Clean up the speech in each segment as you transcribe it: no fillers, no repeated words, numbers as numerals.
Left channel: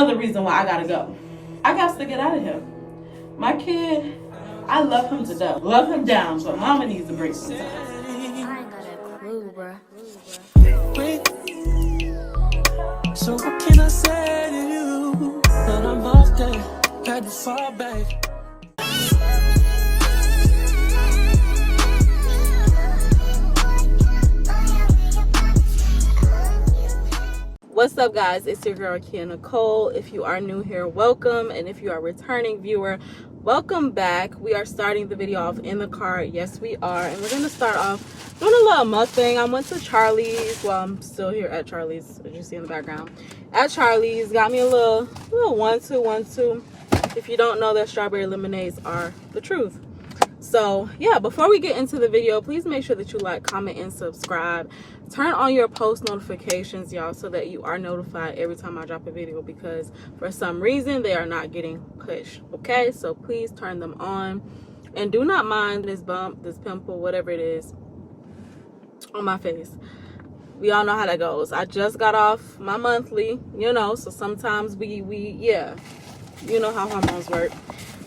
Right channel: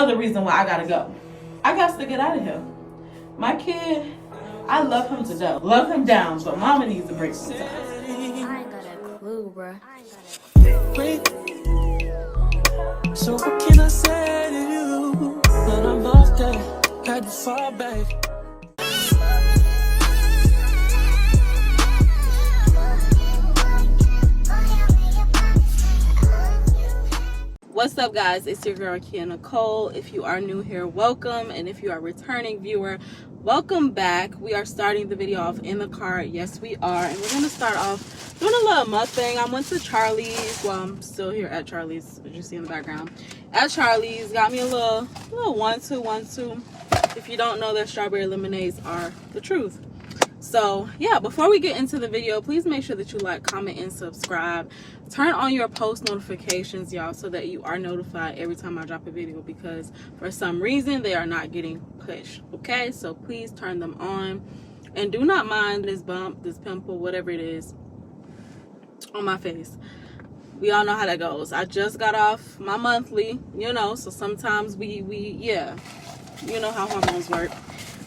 Another reason why I gotta go. I got to get out of here. My kid, I love him to death. Love him down, but mama needs a break sometimes. I ain't got a clue, bruh. So what can I say to you? But I'm off there, had to fall back. What's up, guys? It's your girl Kia Nicole. If you are new here, welcome, and if you are a returning viewer, welcome back. We are starting the video off in the car. Yes, we are, and we're gonna start off doing a little mukbang. I went to Charlie's. Well, I'm still here at Charlie's, as you see in the background. At Charlie's, got me a little 1-2. If you don't know, their strawberry lemonades are the truth. So yeah, before we get into the video, please make sure that you like, comment, and subscribe. Turn on your post notifications, y'all, so that you are notified every time I drop a video, because for some reason they are not getting pushed. Okay, so please turn them on, and do not mind this bump, this pimple, whatever it is on my face. We all know how that goes. I just got off my monthly, you know, so sometimes yeah, you know how hormones work.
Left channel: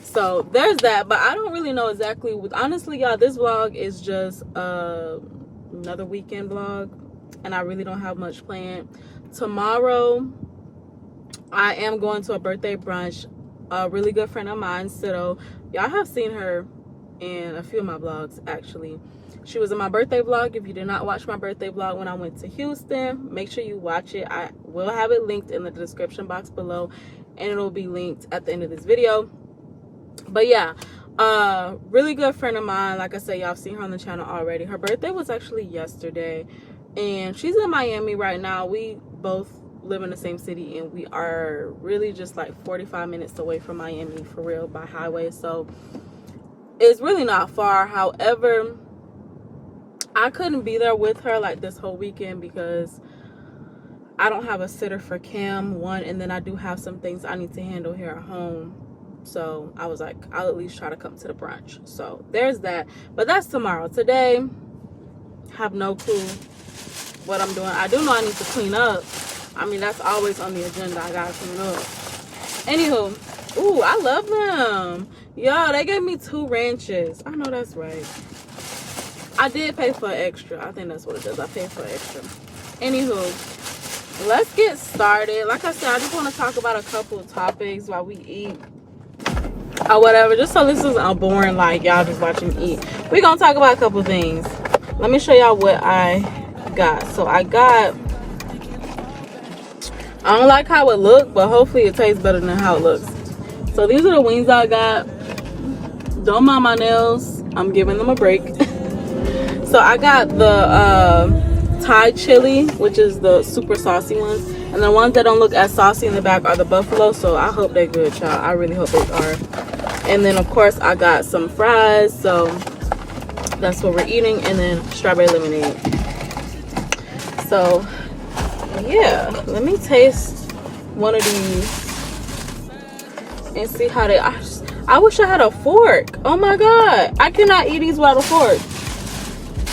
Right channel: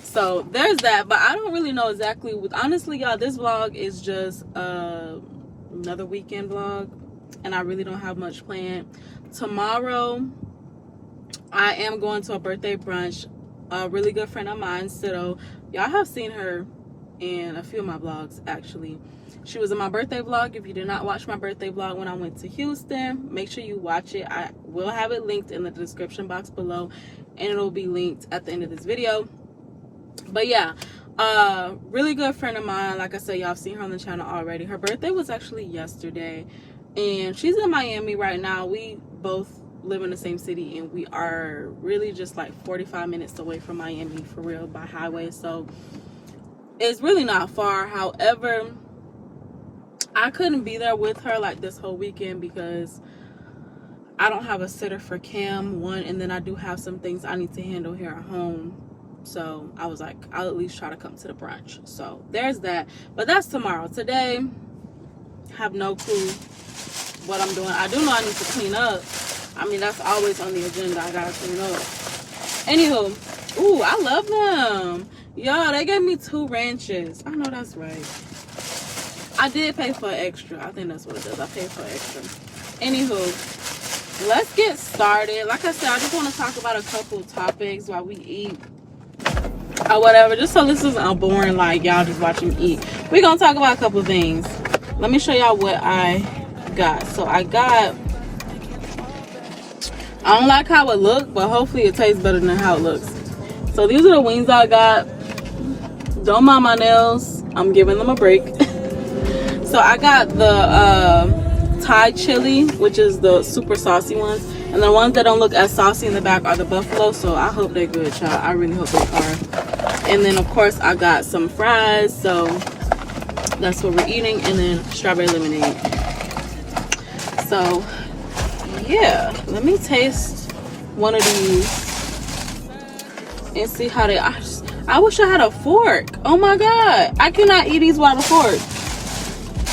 So there's that, but I don't really know exactly. Honestly, y'all, this vlog is just another weekend vlog, and I really don't have much planned. Tomorrow, I am going to a birthday brunch. A really good friend of mine, Sido. Y'all have seen her in a few of my vlogs, actually. She was in my birthday vlog. If you did not watch my birthday vlog when I went to Houston, make sure you watch it. I will have it linked in the description box below, and it'll be linked at the end of this video. But yeah, really good friend of mine. Like I said, y'all have seen her on the channel already. Her birthday was actually yesterday, and she's in Miami right now. We both live in the same city, and we are really just like 45 minutes away from Miami, for real, by highway. So it's really not far. However, I couldn't be there with her like this whole weekend because I don't have a sitter for Cam, one, and then I do have some things I need to handle here at home. So I was like, I'll at least try to come to the brunch. So there's that. But that's tomorrow. Today, have no clue what I'm doing. I do know I need to clean up. I mean, that's always on the agenda. I gotta clean up. Anywho, ooh, I love them. Y'all, they gave me 2 ranches. I know that's right. I did pay for extra. I think that's what it is. I paid for extra. Anywho, let's get started. Like I said, I just want to talk about a couple of topics while we eat or whatever, just so this isn't boring like y'all just watching me eat. We're gonna talk about a couple of things. Let me show y'all what I got. So I don't like how it looked, but hopefully it tastes better than how it looks. So these are the wings I got. Don't mind my nails, I'm giving them a break. So I got the Thai chili, which is the super saucy ones, and the ones that don't look as saucy in the back are the buffalo. So I hope they're good, child. I really hope they are. And then of course I got some fries, so that's what we're eating, and then strawberry lemonade. So yeah, let me taste one of these and see how they are. I wish I had a fork. Oh my god, I cannot eat these without a fork.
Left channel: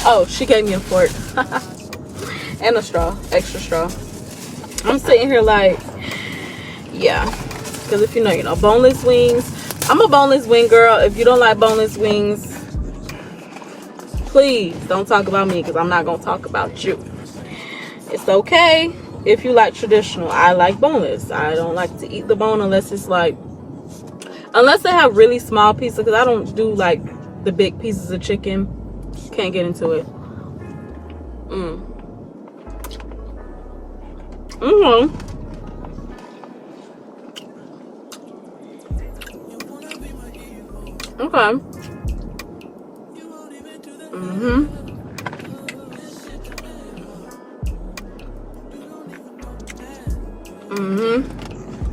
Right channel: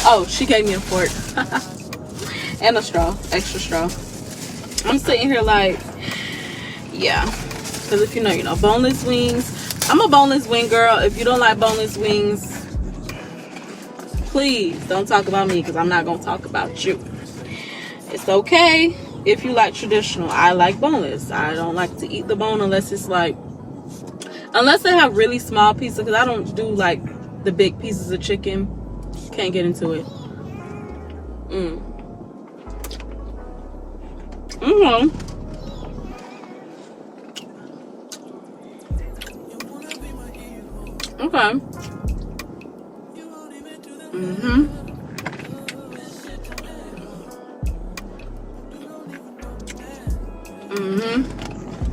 Oh, she gave me a fork. And a straw, extra straw. I'm sitting here like, yeah, because if you know, boneless wings. I'm a boneless wing girl. If you don't like boneless wings, please don't talk about me, because I'm not going to talk about you. It's okay if you like traditional. I like boneless. I don't like to eat the bone unless it's like, unless they have really small pieces, because I don't do like the big pieces of chicken. Can't get into it. Okay.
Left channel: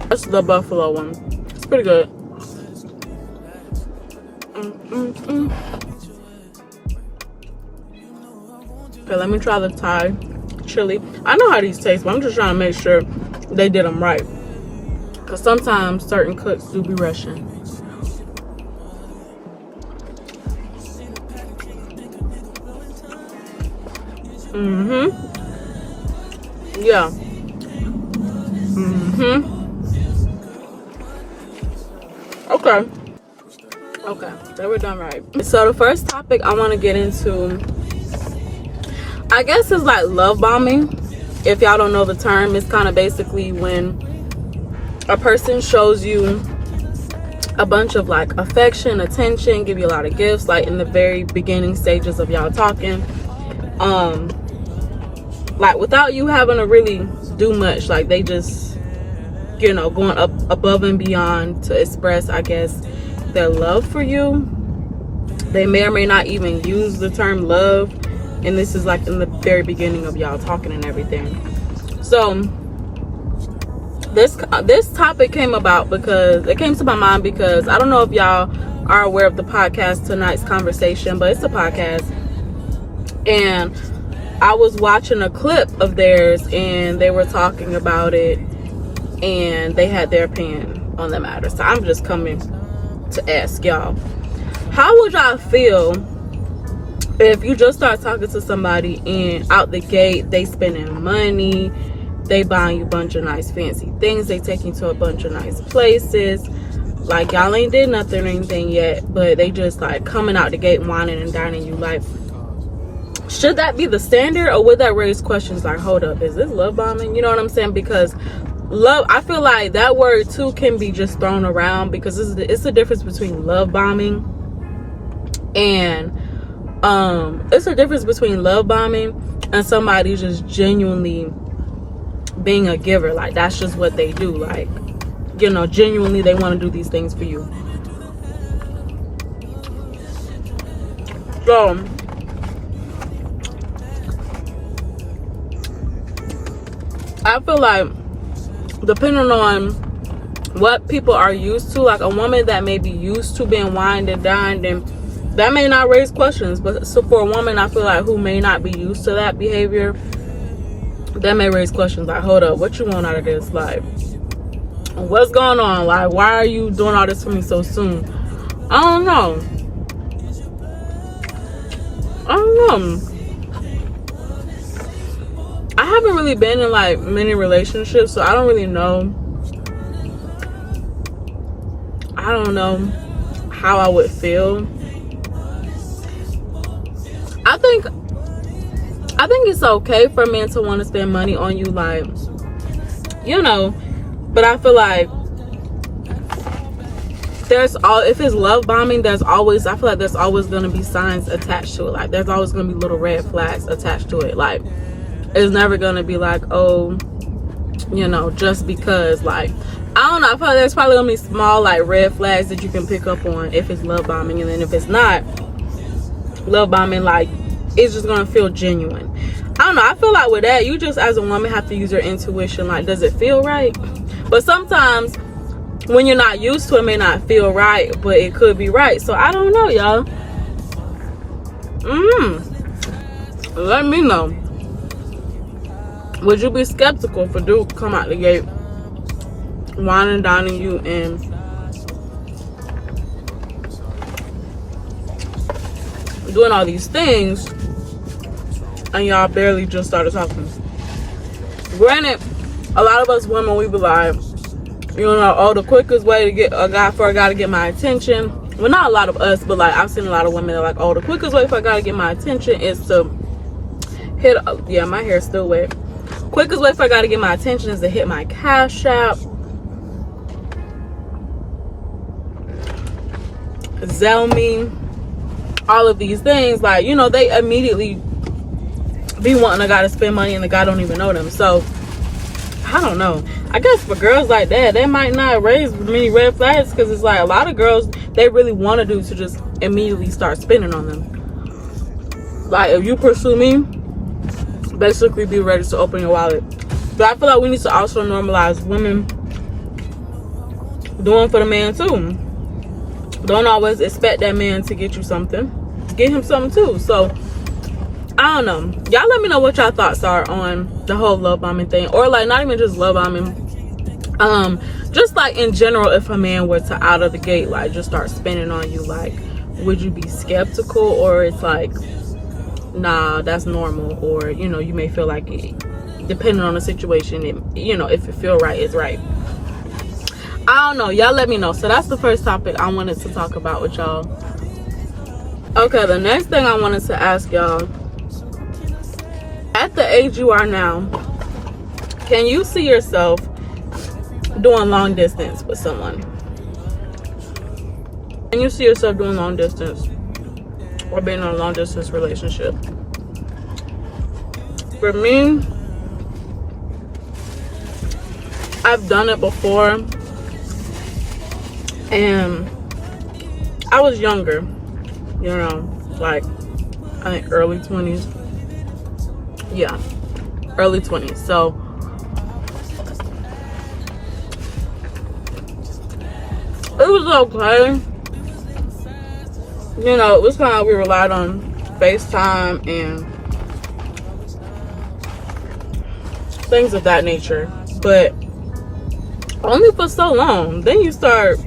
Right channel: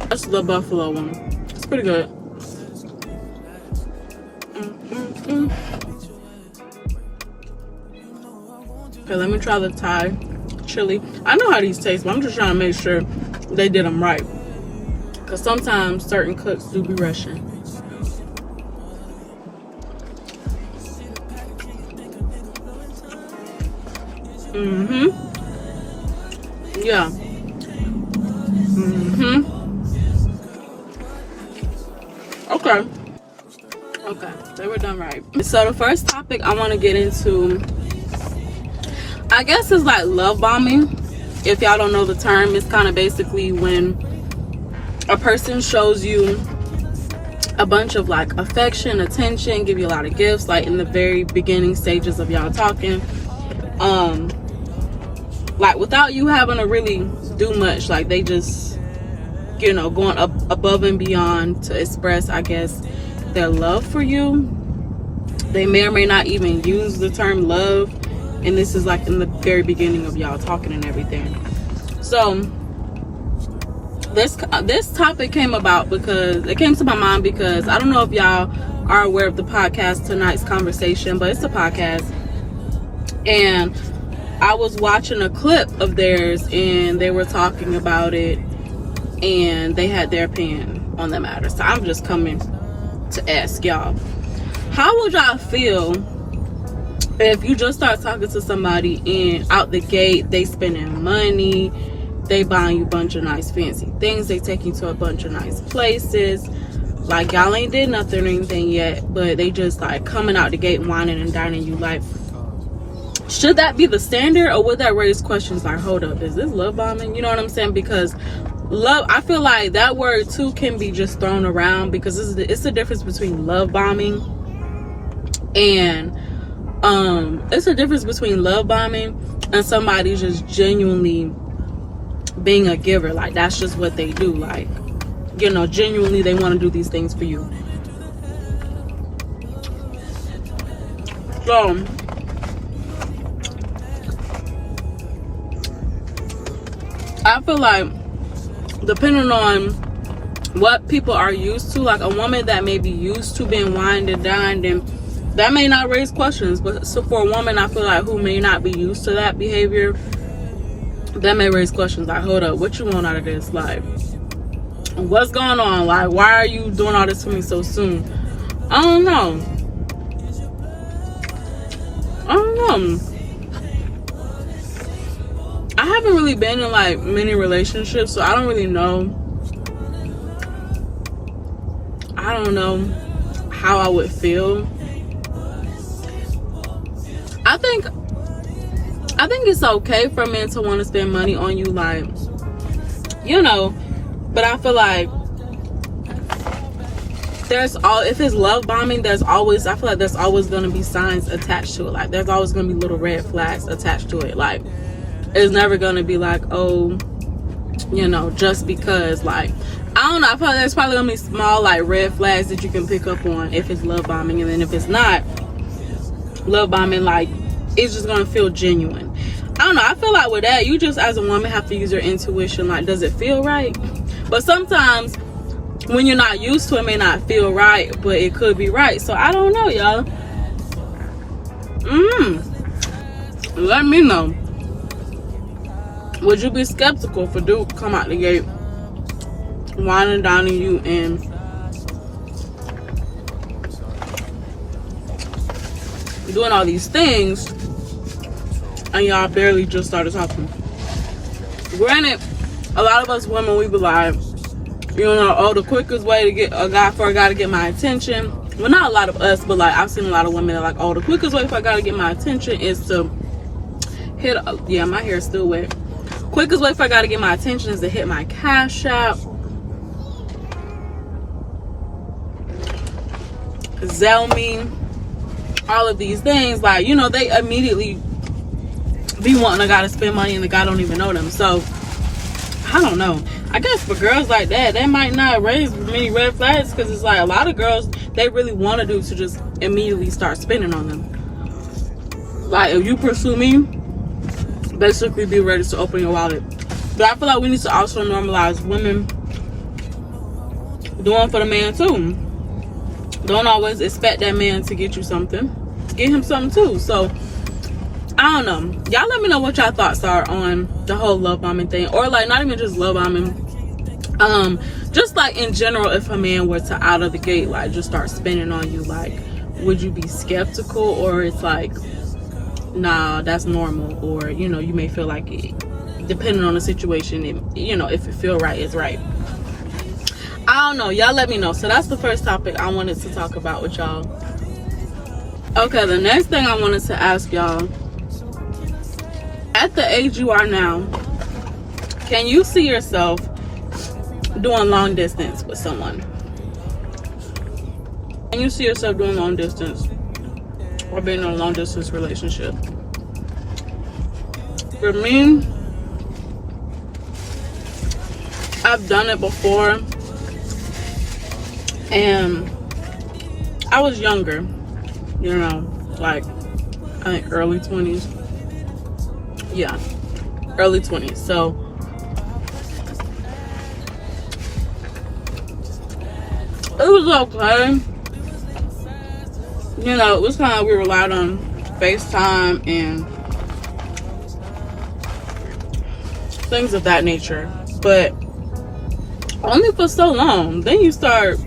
That's the buffalo one. It's pretty good. Okay, let me try the Thai chili. I know how these taste, but I'm just trying to make sure they did them right, because sometimes certain cooks do be rushing. Yeah. Okay. Okay, so we're done right. So the first topic I want to get into, I guess, is like love bombing. If y'all don't know the term, it's kind of basically when a person shows you a bunch of like affection, attention, give you a lot of gifts, like in the very beginning stages of y'all talking, like without you having to really do much. Like they just, you know, going up above and beyond to express, I guess, their love for you. They may or may not even use the term love, and this is like in the very beginning of y'all talking and everything. So this topic came about because it came to my mind because I don't know if y'all are aware of the podcast Tonight's Conversation, but it's a podcast, and I was watching a clip of theirs and they were talking about it and they had their opinion on the matter. So I'm just coming to ask y'all, how would y'all feel if you just start talking to somebody and out the gate they spending money, they buying you a bunch of nice fancy things, they take you to a bunch of nice places, like y'all ain't did nothing or anything yet, but they just like coming out the gate whining and dining you? Like, should that be the standard, or would that raise questions like, hold up, is this love bombing? You know what I'm saying? Because love, I feel like that word too can be just thrown around, because it's a difference between love bombing and it's a difference between love bombing and somebody just genuinely being a giver. Like that's just what they do, like, you know, genuinely they want to do these things for you. So I feel like depending on what people are used to, like a woman that may be used to being wined and dined, and that may not raise questions, but so for a woman I feel like who may not be used to that behavior, that may raise questions like, hold up, what you want out of this? Like, what's going on? Like, why are you doing all this for me so soon? I don't know. I haven't really been in like many relationships, so I don't really know. I don't know how I would feel. I think it's okay for men to want to spend money on you, like, you know, but I feel like if it's love bombing, I feel like there's always going to be signs attached to it. Like there's always going to be little red flags attached to it. Like it's never going to be like, oh, you know, just because, like, I don't know, I feel like there's probably going to be small like red flags that you can pick up on if it's love bombing, and then if it's not love bombing, like it's just gonna feel genuine. I don't know, I feel like with that, you just as a woman have to use your intuition. Like, does it feel right? But sometimes when you're not used to it, it may not feel right, but it could be right. So I don't know, y'all. Let me know. Would you be skeptical for dude come out the gate wine and dining you and doing all these things, and y'all barely just started talking? Granted, a lot of us women, we be like, you know, oh, the quickest way to get a guy to get my attention. Well, not a lot of us, but like I've seen a lot of women that are like, oh, the quickest way for a guy to get my attention is to hit. Yeah, my hair is still wet. Quickest way for a guy to get my attention is to hit my Cash App, Zelle me, all of these things. Like, you know, they immediately be wanting a guy to spend money and the guy don't even know them. So I don't know, I guess for girls like that, they might not raise many red flags, because it's like a lot of girls, they really want to do to just immediately start spending on them. Like, if you pursue me, basically be ready to open your wallet. But I feel like we need to also normalize women doing for the man too. Don't always expect that man to get you something. Get him something too. So I don't know, y'all let me know what y'all thoughts are on the whole love bombing thing, or like not even just love bombing, just like in general, if a man were to out of the gate like just start spending on you, like would you be skeptical, or it's like, nah, that's normal, or you know, you may feel like it, depending on the situation, it, you know, if it feel right, it's right. I I don't know. Y'all let me know. So that's the first topic I wanted to talk about with y'all. Okay, the next thing I wanted to ask y'all. At the age you are now, can you see yourself doing long distance with someone? Can you see yourself doing long distance or being in a long distance relationship? For me, I've done it before, and I was younger, you know, like I think early 20s. Yeah, early 20s. So it was okay. You know, it was kind of, we relied on FaceTime and things of that nature, but only for so long. Then you start,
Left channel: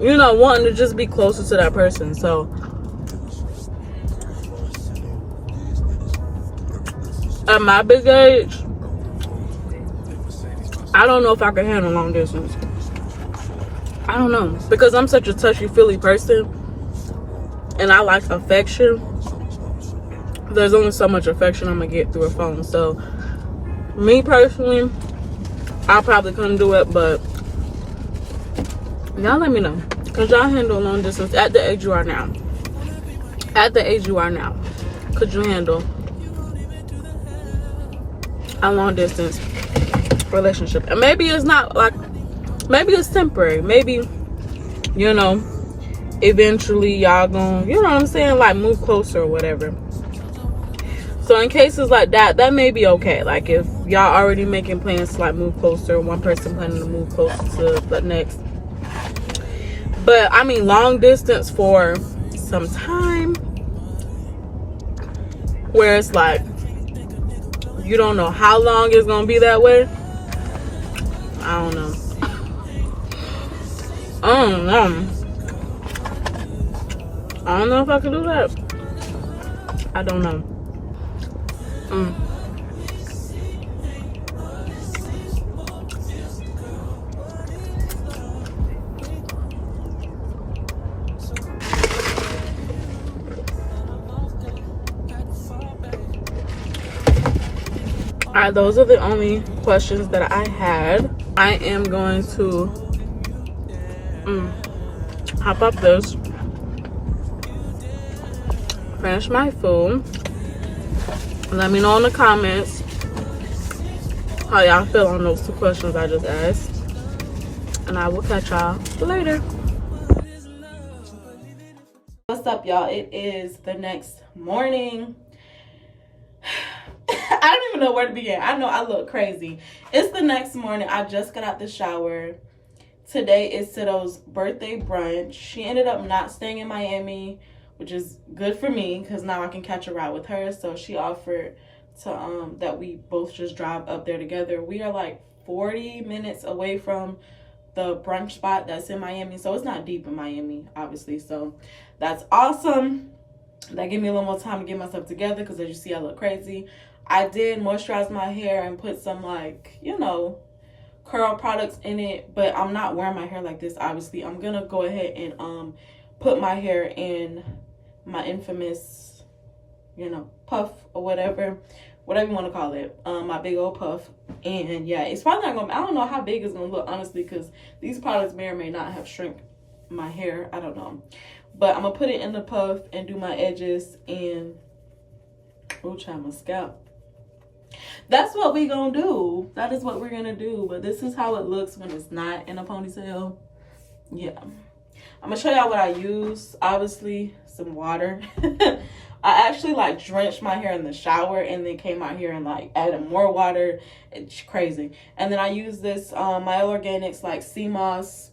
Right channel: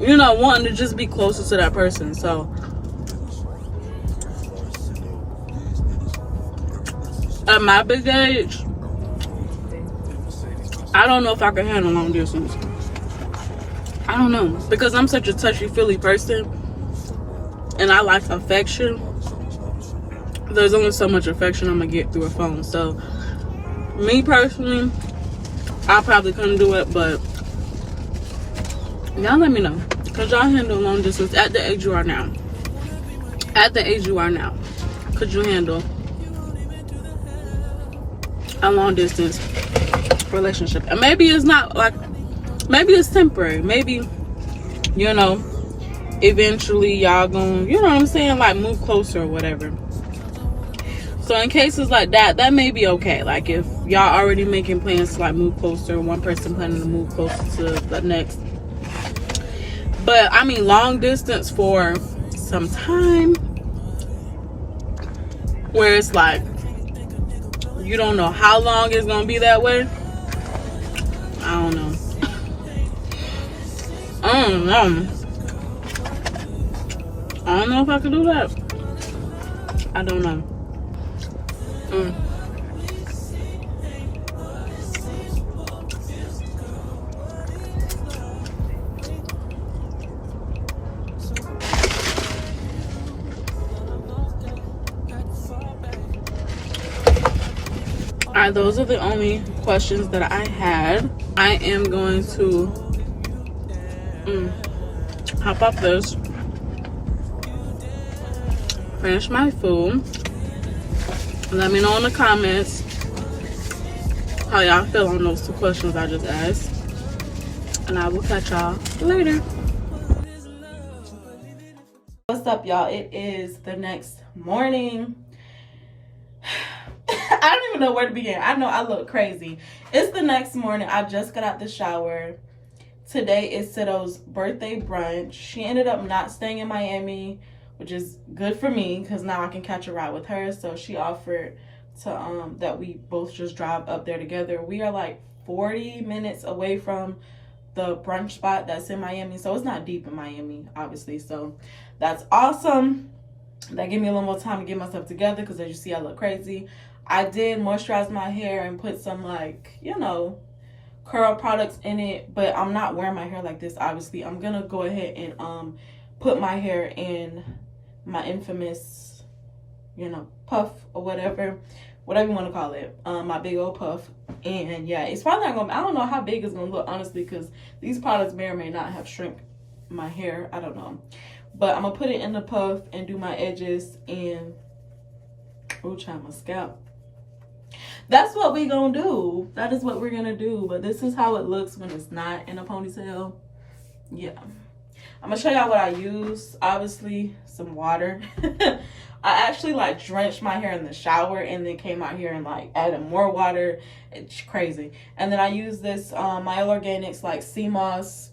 you know, wanting to just be closer to that person. So at my big age, I don't know if I could handle long distance. I don't know, because I'm such a touchy-feely person and I like affection. There's only so much affection I'm gonna get through a phone. So me personally, I probably couldn't do it, but y'all let me know, because y'all handle long distance at the age you are now. At the age you are now, could you handle a long distance relationship? And maybe it's not like, maybe it's temporary. Maybe, you know, eventually y'all gonna, you know what I'm saying, like move closer or whatever. So in cases like that, that may be okay. Like if y'all already making plans to like move closer, one person planning to move closer to the next. But I mean, long distance for some time, where it's like you don't know how long it's gonna be that way. I don't know. I don't know. I don't know if I could do that. I don't know. Alright, those are the only questions that I had. I am going to hop up this, finish my food. Let me know in the comments how y'all feel on those two questions I just asked. And I will catch y'all later. What's up, y'all? It is the next morning. I don't even know where to begin. I know I look crazy. It's the next morning. I just got out the shower. Today is Sido's birthday brunch. She ended up not staying in Miami, which is good for me because now I can catch a ride with her. So she offered to that we both just drive up there together. We are like 40 minutes away from the brunch spot that's in Miami. So it's not deep in Miami, obviously. So that's awesome. That gave me a little more time to get myself together because as you see, I look crazy. I did moisturize my hair and put some, like, you know, curl products in it, but I'm not wearing my hair like this, obviously. I'm gonna go ahead and put my hair in my infamous, you know, puff or whatever you want to call it, my big old puff. And yeah, it's probably not gonna, I don't know how big it's gonna look, honestly, because these products may or may not have shrunk my hair. I don't know, but I'm gonna put it in the puff and do my edges and try my scalp. That's what we gonna do. That is what we're gonna do. But this is how it looks when it's not in a ponytail. Yeah, I'm gonna show y'all what I use. Obviously, some water. I actually like drenched my hair in the shower and then came out here and like added more water. It's crazy. And then I use this my Organics like sea moss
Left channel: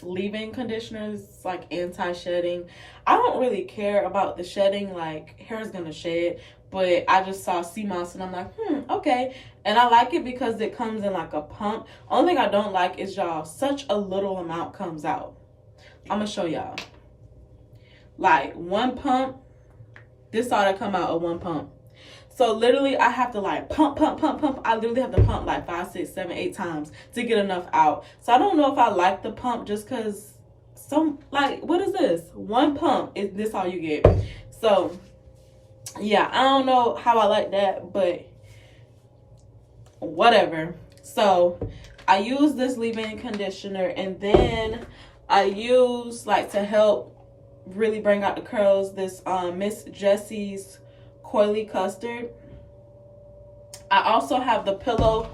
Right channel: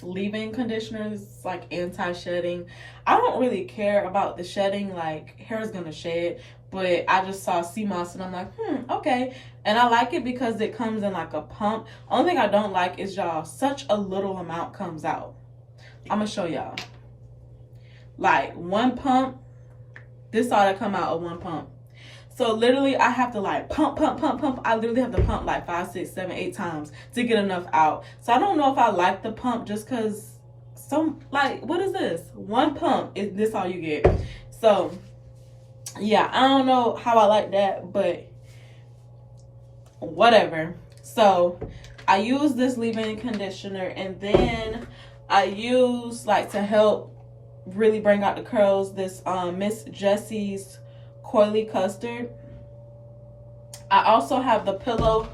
leave-in conditioners, like anti-shedding. I don't really care about the shedding, like hair is gonna shed, but I just saw sea moss and I'm like, okay. And I like it because it comes in like a pump. Only thing I don't like is, y'all, such a little amount comes out. I'm gonna show y'all. Like one pump, this ought to come out of one pump. So literally I have to like pump. I literally have to pump like 5, 6, 7, 8 times to get enough out. So I don't know if I like the pump just because some, like, what is this? One pump, is this all you get? So yeah, I don't know how I like that, but whatever. So I use this leave-in conditioner, and then I use, like, to help really bring out the curls, this Miss Jessie's Coily Custard. I also have the pillow,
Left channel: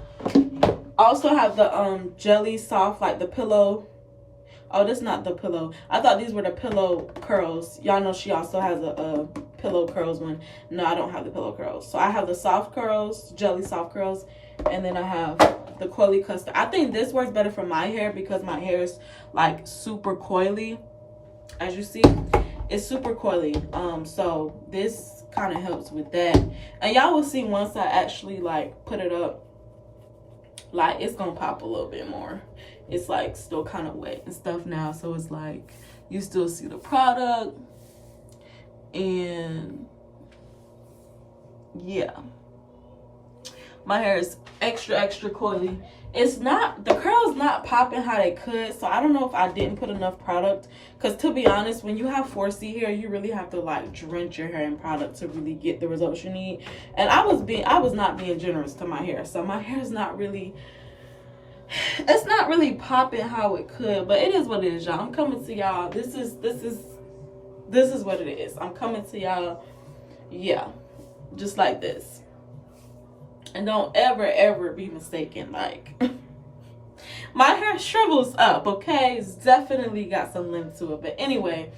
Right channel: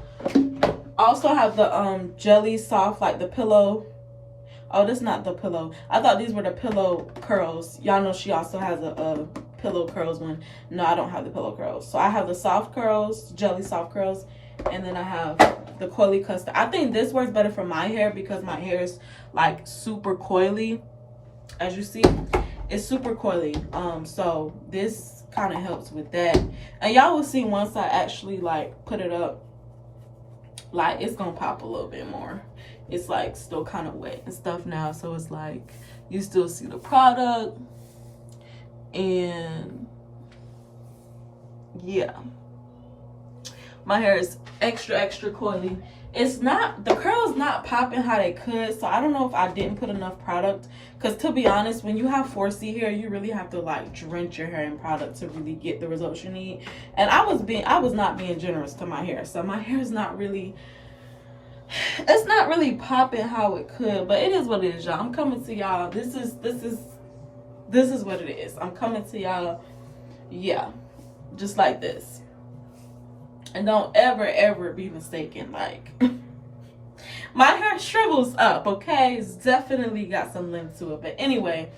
Jelly Soft, like the pillow. Oh, that's not the pillow. I thought these were the pillow curls. Y'all know she also has a pillow curls one. No, I don't have the pillow curls. So I have the soft curls, Jelly Soft curls, and then I have the Coily Custard. I think this works better for my hair because my hair is like super coily. As you see, it's super coily. So this kind of helps with that. And y'all will see once I actually like put it up, like it's gonna pop a little bit more. It's like still kind of wet and stuff now, so it's like you still see the product. And yeah, my hair is extra coily. It's not, the curls not popping how they could, so I don't know if I didn't put enough product, because to be honest, when you have 4C hair, you really have to like drench your hair in product to really get the results you need. And I was not being generous to my hair, so my hair is not really, it's not really popping how it could, but it is what it is, y'all. I'm coming to y'all. This is what it is. I'm coming to y'all, yeah, just like this. And don't ever be mistaken, like my hair shrivels up, okay? It's definitely got some length to it. But anyway,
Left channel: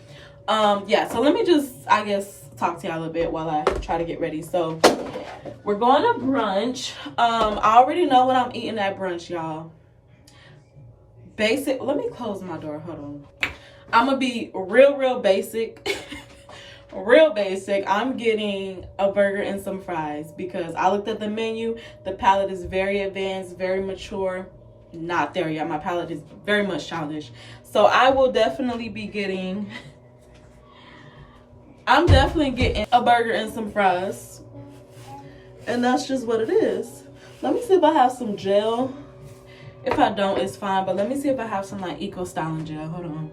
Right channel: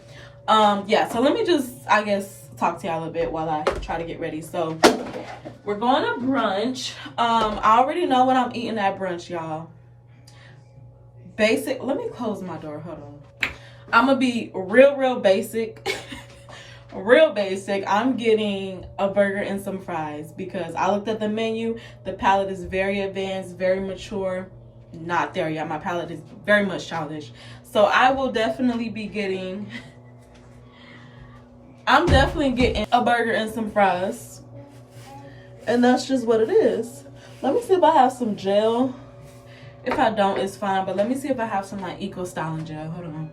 yeah, so let me just, I guess, talk to y'all a bit while I try to get ready. So we're going to brunch. I already know what I'm eating at brunch, y'all. Basic. Let me close my door. Hold on. I'm gonna be real basic. Real basic. I'm getting a burger and some fries because I looked at the menu. The palate is very advanced, very mature. Not there yet. My palate is very much childish. So I will definitely be getting, I'm definitely getting a burger and some fries. And that's just what it is. Let me see if I have some gel. If I don't, it's fine. But let me see if I have some like Eco Styling gel. Hold on.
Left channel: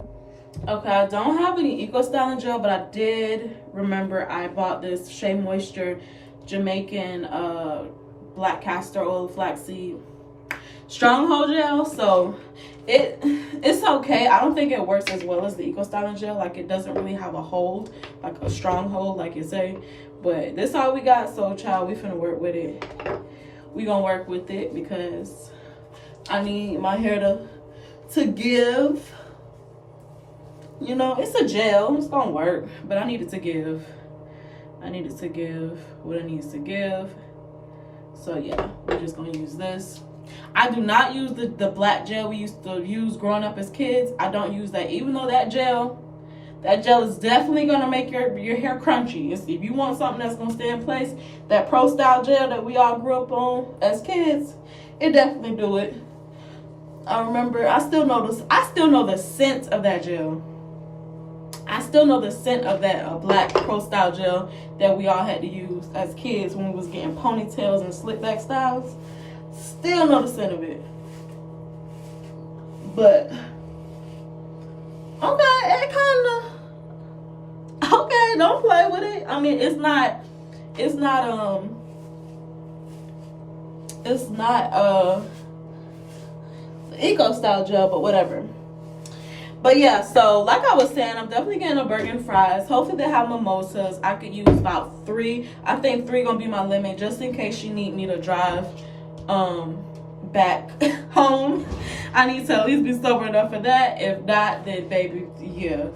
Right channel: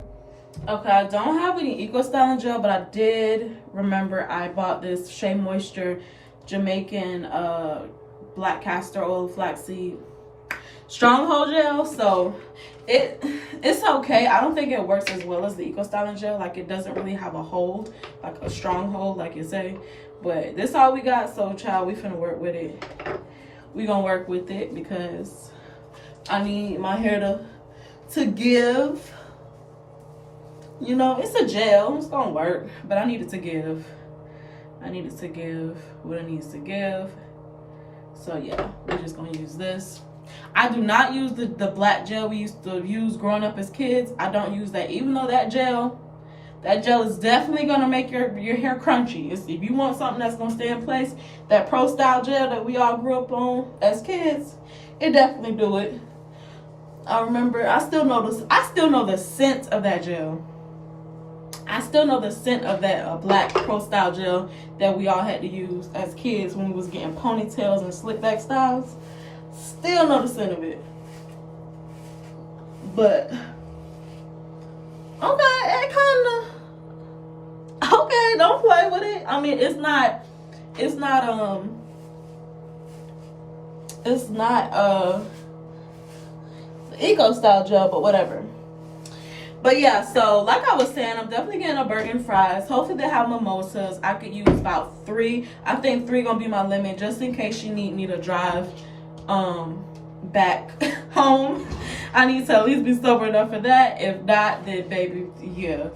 Okay, I don't have any Eco Styling gel, but I did remember I bought this Shea Moisture Jamaican black castor oil flaxseed stronghold gel. So it's okay. I don't think it works as well as the Eco Styling gel. Like, it doesn't really have a hold, like a strong hold, like you say. But this all we got, so child, we finna work with it. We gonna work with it because I need my hair to give. You know, it's a gel. It's gonna work, but I need it to give. I need it to give what it needs to give. So yeah, we're just gonna use this. I do not use the black gel we used to use growing up as kids. I don't use that, even though that gel is definitely gonna make your hair crunchy. If you want something that's gonna stay in place, that Pro Style gel that we all grew up on as kids, it definitely do it. I remember, I still know the scent of that gel. I still know the scent of that black Pro Style gel that we all had to use as kids when we was getting ponytails and slick back styles. Still know the scent of it. But okay, it kinda okay, don't play with it. I mean, it's not Eco Style gel, but whatever. But yeah, so like I was saying, I'm definitely getting a burger and fries. Hopefully they have mimosas. I could use about 3. I think 3 gonna be my limit, just in case she need me to drive back home. I need to at least be sober enough for that. If not, then baby, yeah,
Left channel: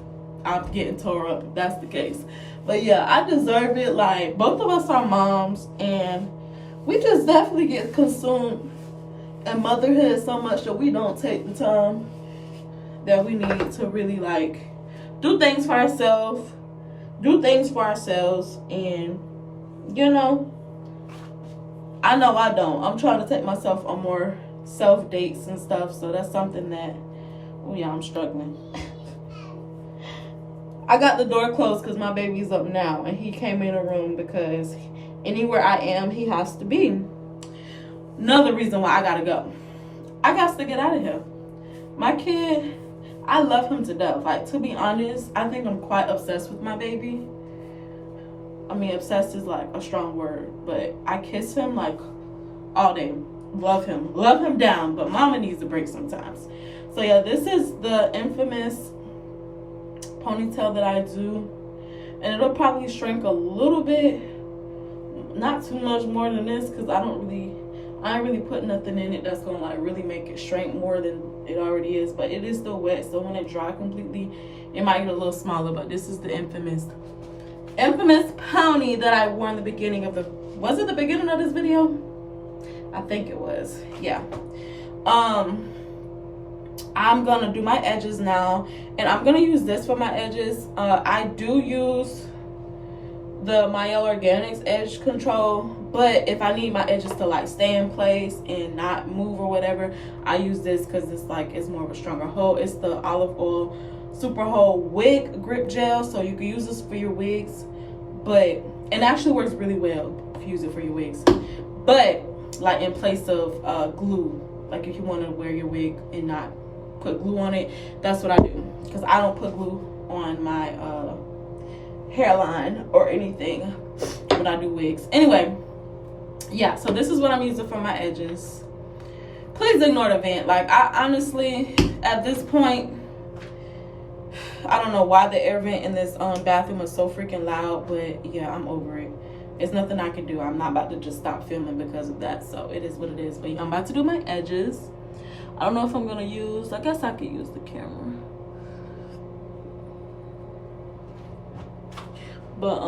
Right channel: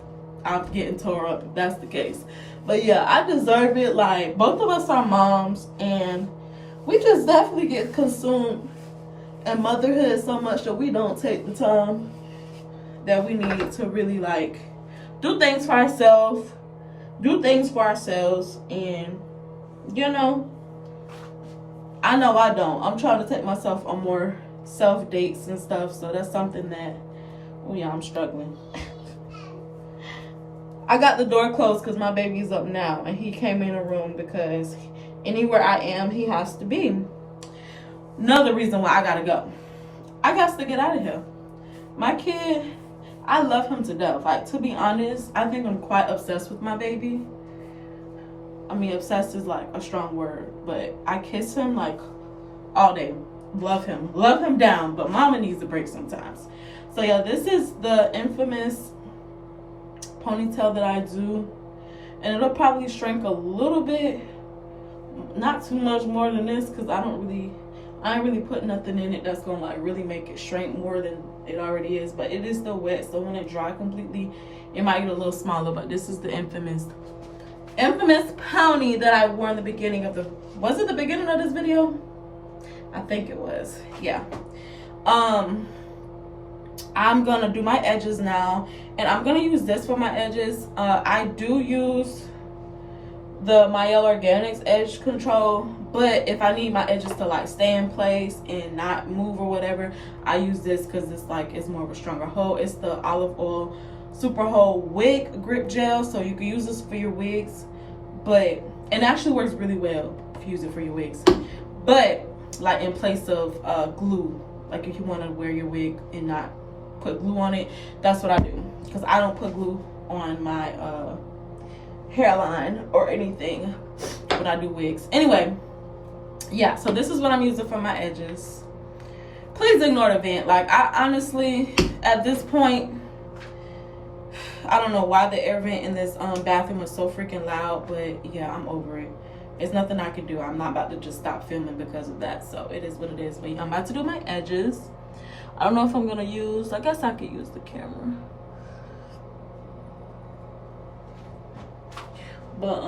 I'm getting tore up if that's the case. But yeah, I deserve it. Like, both of us are moms, and we just definitely get consumed in motherhood so much that we don't take the time that we need to really like do things for ourselves, and you know, I know I don't. I'm trying to take myself on more self dates and stuff, so that's something that, oh yeah, I'm struggling. I got the door closed because my baby's up now, and he came in the room because Anywhere I am, he has to be. Another reason why I gotta go. I got to get out of here. My kid, I love him to death. Like, to be honest, I think I'm quite obsessed with my baby. I mean, obsessed is like a strong word, but I kiss him like all day. Love him down, but mama needs a break sometimes. So yeah, this is the infamous ponytail that I do, and it'll probably shrink a little bit, not too much more than this, because I ain't really put nothing in it that's gonna like really make it shrink more than it already is. But it is still wet, so when it dry completely, it might get a little smaller. But this is the infamous pony that I wore in the beginning of was it the beginning of this video? I think it was. Yeah. I'm gonna do my edges now, and I'm gonna use this for my edges. I do use the Mielle Organics edge control, but if I need my edges to like stay in place and not move or whatever, I use this because it's more of a stronger hold. It's the olive oil super hold wig grip gel, so you can use this for your wigs, but it actually works really well if you use it for your wigs. But like in place of glue, like if you want to wear your wig and not put glue on it, that's what I do, because I don't put glue on my hairline or anything when I do wigs. Anyway, yeah, so this is what I'm using for my edges. Please ignore the vent. Like, I honestly, at this point, I don't know why the air vent in this bathroom is so freaking loud, but yeah, I'm over it. There's nothing I can do. I'm not about to just stop filming because of that, so it is what it is. But yeah, I'm about to do my edges. I don't know if I'm gonna use, I guess I could use the camera. But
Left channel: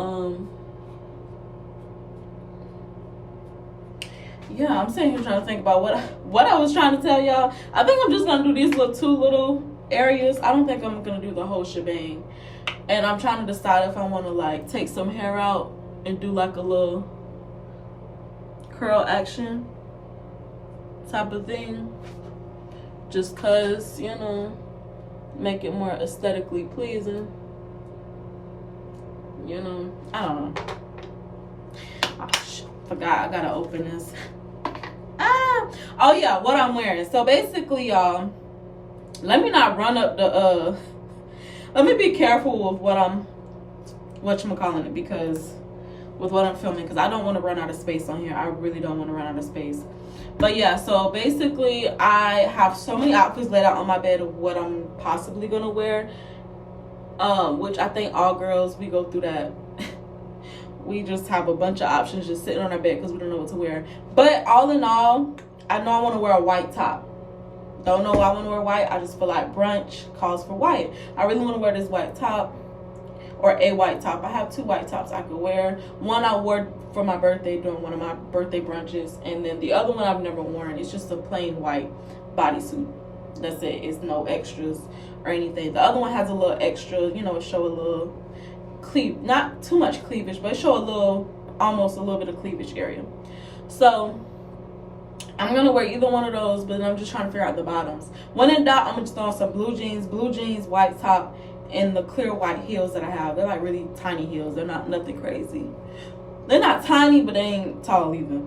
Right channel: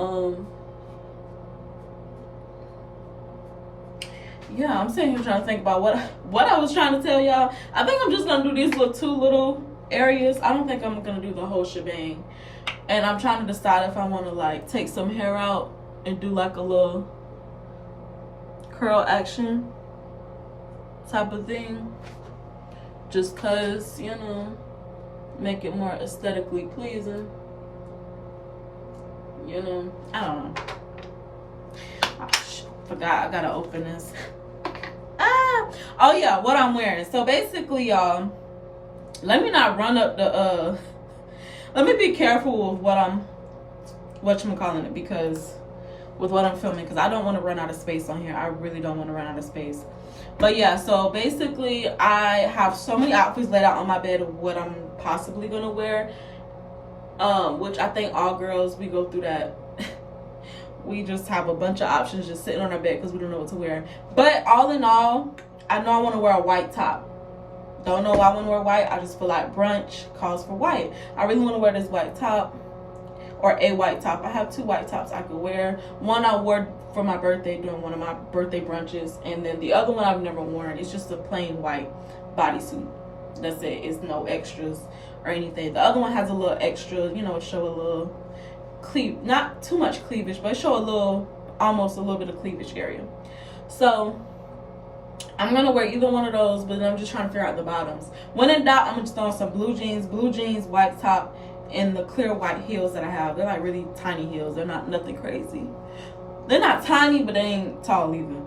yeah, I'm sitting here trying to think about what I was trying to tell y'all. I think I'm just gonna do these two little areas. I don't think I'm gonna do the whole shebang. And I'm trying to decide if I want to like take some hair out and do like a little curl action type of thing, just cause, you know, make it more aesthetically pleasing. You know, I don't know. Oh, shit, forgot I gotta open this. Oh yeah, what I'm wearing. So basically, y'all, let me not run up the let me be careful with whatchamacallit, because with what I'm filming, because I don't want to run out of space on here. I really don't want to run out of space. But yeah, so basically I have so many outfits laid out on my bed of what I'm possibly gonna wear, which I think all girls, we go through that. We just have a bunch of options just sitting on our bed because we don't know what to wear. But all in all, I know I want to wear a white top. Don't know why I want to wear white. I just feel like brunch calls for white. I really want to wear this white top, or a white top. I have two white tops I could wear. One I wore for my birthday during one of my birthday brunches, and then the other one I've never worn. It's just a plain white bodysuit. That's it. It's no extras or anything. The other one has a little extra, you know, show a little not too much cleavage, but show a little, almost a little bit of cleavage area. So I'm gonna wear either one of those, but I'm just trying to figure out the bottoms. When in doubt, I'm just throwing some blue jeans, white top, and the clear white heels that I have. They're like really tiny heels. They're not nothing crazy. They're not tiny, but they ain't tall either.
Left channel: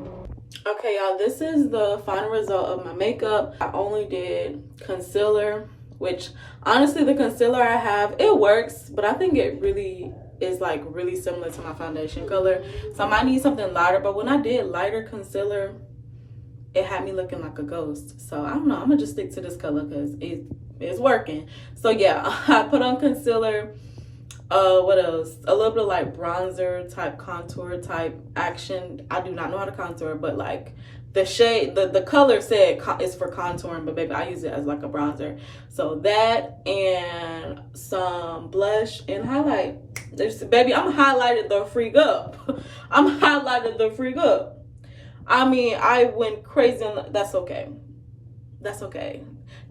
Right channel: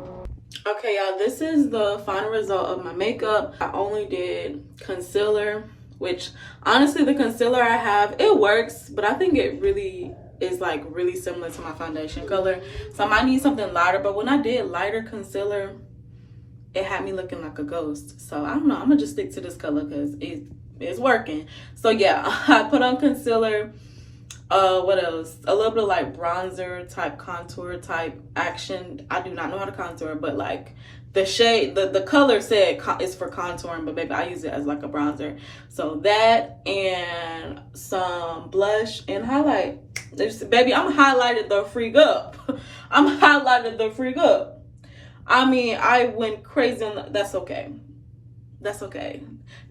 Okay, y'all, this is the final result of my makeup. I only did concealer, which honestly the concealer I have, it works, but I think it really is like really similar to my foundation color. So I might need something lighter, but when I did lighter concealer, it had me looking like a ghost. So I don't know, I'm gonna just stick to this color because it's working. So yeah, I put on concealer. What else? A little bit of like bronzer type, contour type action. I do not know how to contour, but like the shade, the color said it's for contouring, but baby, I use it as like a bronzer. So that and some blush and highlight. Baby, I'm highlighted the freak up. I'm highlighted the freak up. I mean, I went crazy. That's okay. That's okay.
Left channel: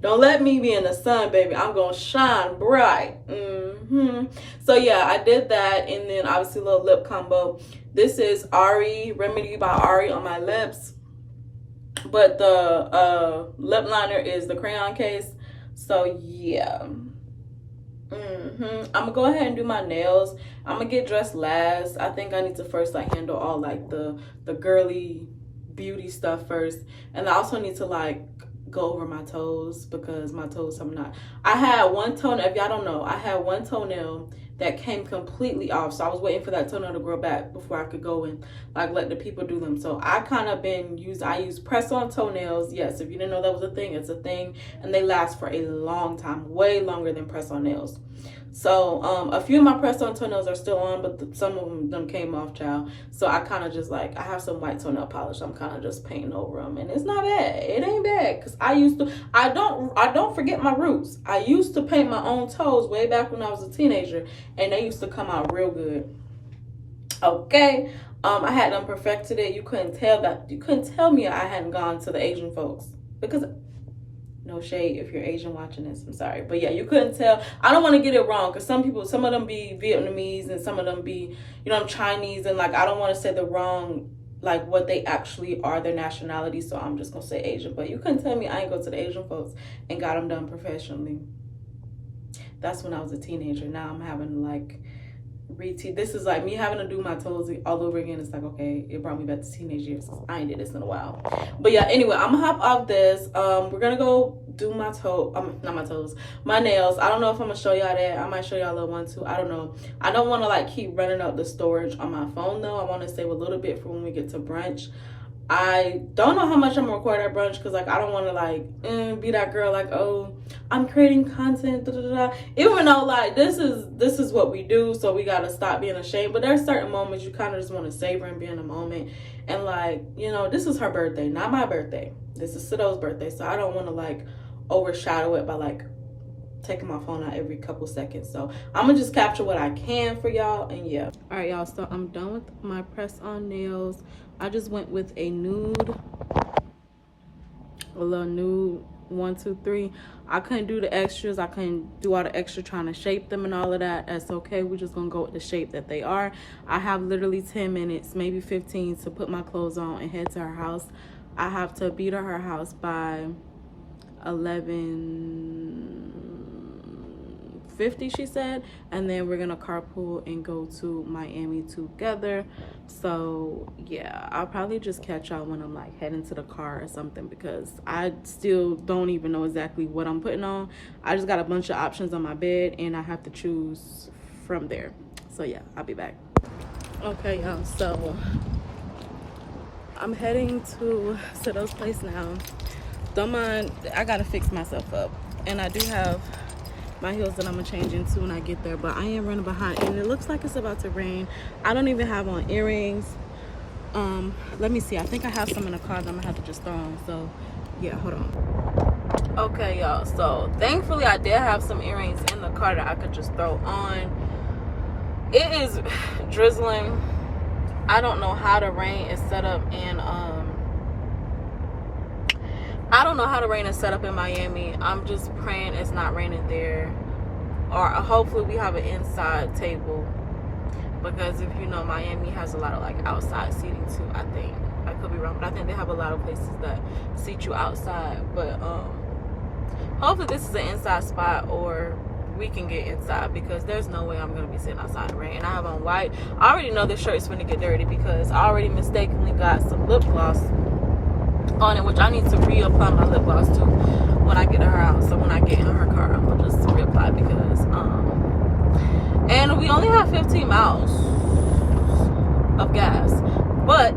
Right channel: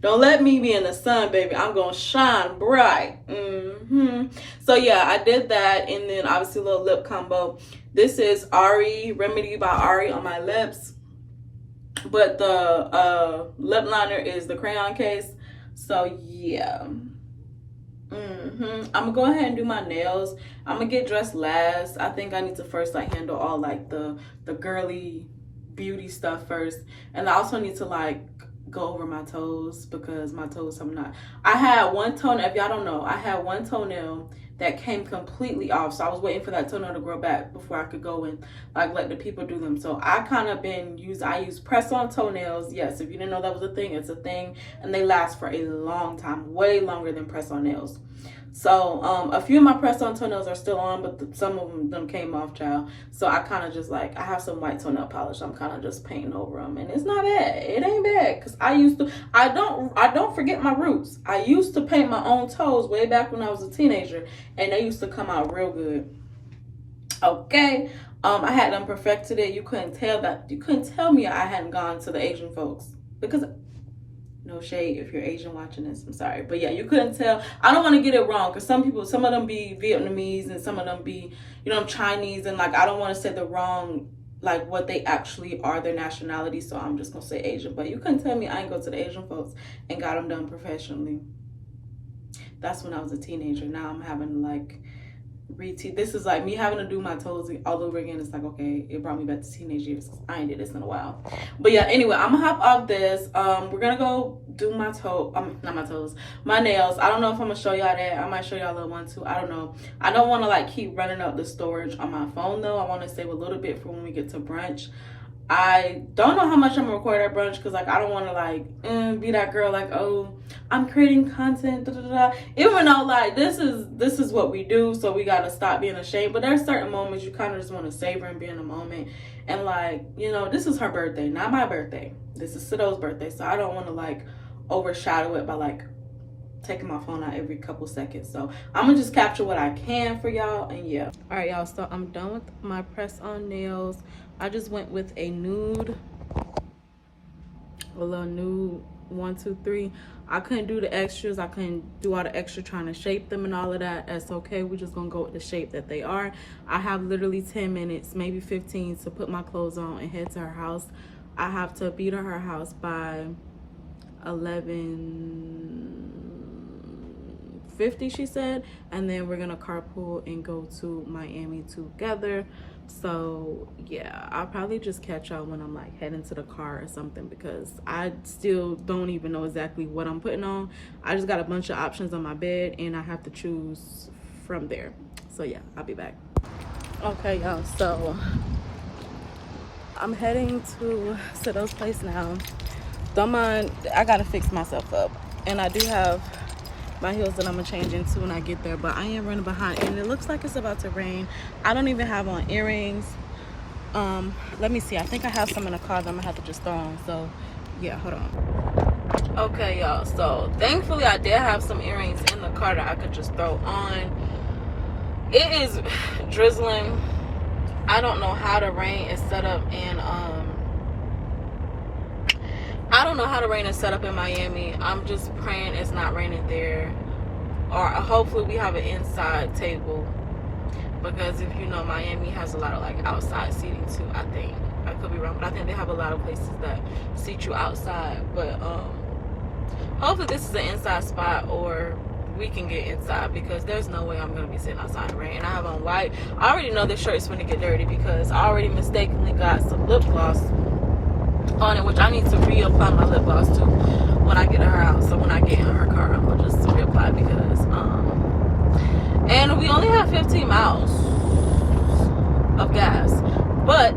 Don't let me be in the sun, baby. I'm gonna shine bright. So yeah, I did that, and then obviously a little lip combo. This is Remedy by Ari on my lips, but the lip liner is the crayon case. So yeah, I'm gonna go ahead and do my nails. I'm gonna get dressed last. I think I need to first like handle all like the girly beauty stuff first, and I also need to like go over my toes because my toes I had one toenail, if y'all don't know, I had one toenail that came completely off, so I was waiting for that toenail to grow back before I could go and like let the people do them. So I kind of I use press-on toenails. Yes, if you didn't know that was a thing, it's a thing, and they last for a long time, way longer than press-on nails. So a few of my press-on toenails are still on, but some of them came off, child. So I kind of just like, I have some white toenail polish. I'm kind of just painting over them, and it's not bad. It ain't bad, because I don't forget my roots. I used to paint my own toes way back when I was a teenager, and they used to come out real good. Okay, I had them perfected it. You couldn't tell me I hadn't gone to the Asian folks, because no shade if you're Asian watching this, I'm sorry, but yeah, you couldn't tell. I don't want to get it wrong, because some of them be Vietnamese and some of them be, Chinese, and like I don't want to say the wrong, like what they actually are, their nationality, so I'm just gonna say Asian. But you couldn't tell me I ain't go to the Asian folks and got them done professionally. That's when I was a teenager. Now I'm having like this is like me having to do my toes all over again. It's like, okay, it brought me back to teenage years. I ain't did this in a while. But yeah, anyway, I'm gonna hop off this. We're gonna go do my my nails. I don't know if I'm gonna show y'all that. I might show y'all a little one too. I don't know. I don't want to like keep running up the storage on my phone though. I want to save a little bit for when we get to brunch. I don't know how much I'm gonna record at brunch, because like I don't want to like be that girl like, oh, I'm creating content, even though like this is what we do, so we gotta stop being ashamed. But there's certain moments you kind of just want to savor and be in the moment, and like, this is her birthday, not my birthday. This is Sido's birthday, so I don't want to like overshadow it by like taking my phone out every couple seconds. So I'm gonna just capture what I can for y'all, and yeah. All right, y'all, so I'm done with my press-on nails. I just went with a little nude 1 2 3. I couldn't do the extras. I couldn't do all the extra trying to shape them and all of that. That's okay. We're just gonna go with the shape that they are. I have literally 10 minutes, maybe 15, to put my clothes on and head to her house. I have to be to her house by 11:50, she said, and then we're gonna carpool and go to Miami together. So yeah, I'll probably just catch y'all when I'm like heading to the car or something, because I still don't even know exactly what I'm putting on. I just got a bunch of options on my bed, and I have to choose from there. So yeah, I'll be back. Okay, y'all, so I'm heading to Sido's place now. Don't mind, I gotta fix myself up, and I do have my heels that I'm gonna change into when I get there, but I am running behind, and it looks like it's about to rain. I don't even have on earrings. Let me see, I think I have some in the car that I'm gonna have to just throw on. So yeah, hold on. Okay, y'all, so thankfully I did have some earrings in the car that I could just throw on. It is drizzling. I don't know how the rain is set up in Miami. I'm just praying it's not raining there, or hopefully we have an inside table, because if you know, Miami has a lot of like outside seating too. I think, I could be wrong, but I think they have a lot of places that seat you outside. But hopefully this is an inside spot, or we can get inside, because there's no way I'm gonna be sitting outside in the rain. And I have on white. I already know this shirt is gonna get dirty, because I already mistakenly got some lip gloss on it, which I need to reapply my lip gloss too when I get to her house. So when I get in her car, I'm gonna just reapply, because and we only have 15 miles of gas, but